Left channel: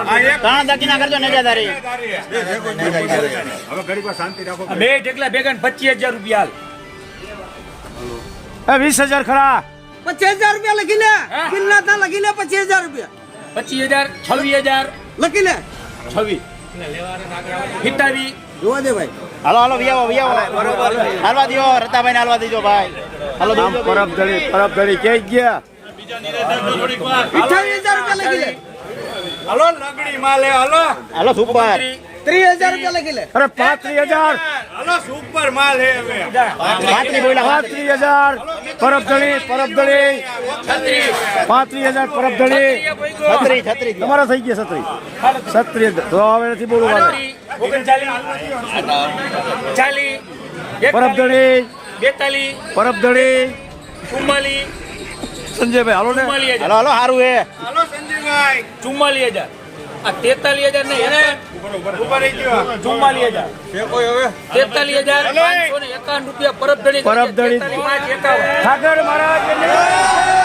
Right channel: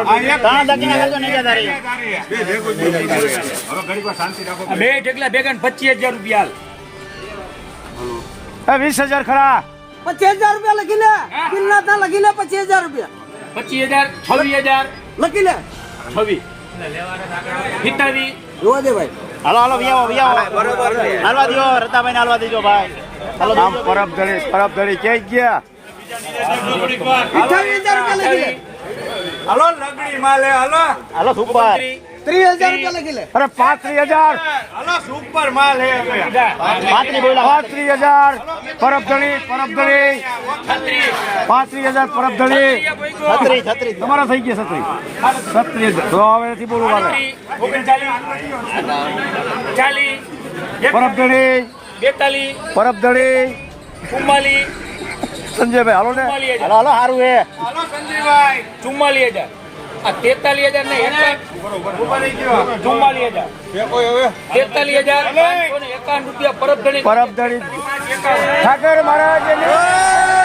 ઘણા દાકીના કરજો નેજાદારી બે ઢેકલા ભેગા 25,000 રૂપિયા 20,000 ખરા 25,000 રૂપિયા લખી લે કિલ્લા તા લખી લે 25,000 રૂપિયા 25,000 26,000 લખી લે 26 27 જોવા દે ભાઈ હાલો હાલો વિયાવો બરોબર છે. હાલવા દો રતાભાઈ ને હાલવા દેજો ભાઈ હાલો આમ પરબ ધડી કે ગયા 28,000 રૂપિયા લખી લે હાલો લગડી માલે હાલો હાલો સુપર 30,000 રૂપિયા લખી લે અરે 35,000 હાલો સુપર માલ હે હવે 35,000 પરબ ધડી 35,000 પરબ ધડી છત્રી છત્રી તમારા થઈ ગયા 36 તો હવે નથી બોલવું વાલે 39 પરબ ધડી 42 પરબ ધડી 44 સંજયભાઈ હાલો ને 44,000 હાલો હાલો સારું હે હાલો સંજયભાઈ 44,000 આ 43,000 ને 44,000 43,551 રૂપિયા પરબ ધણી પરબ ધડી ઠાકર મહારાજ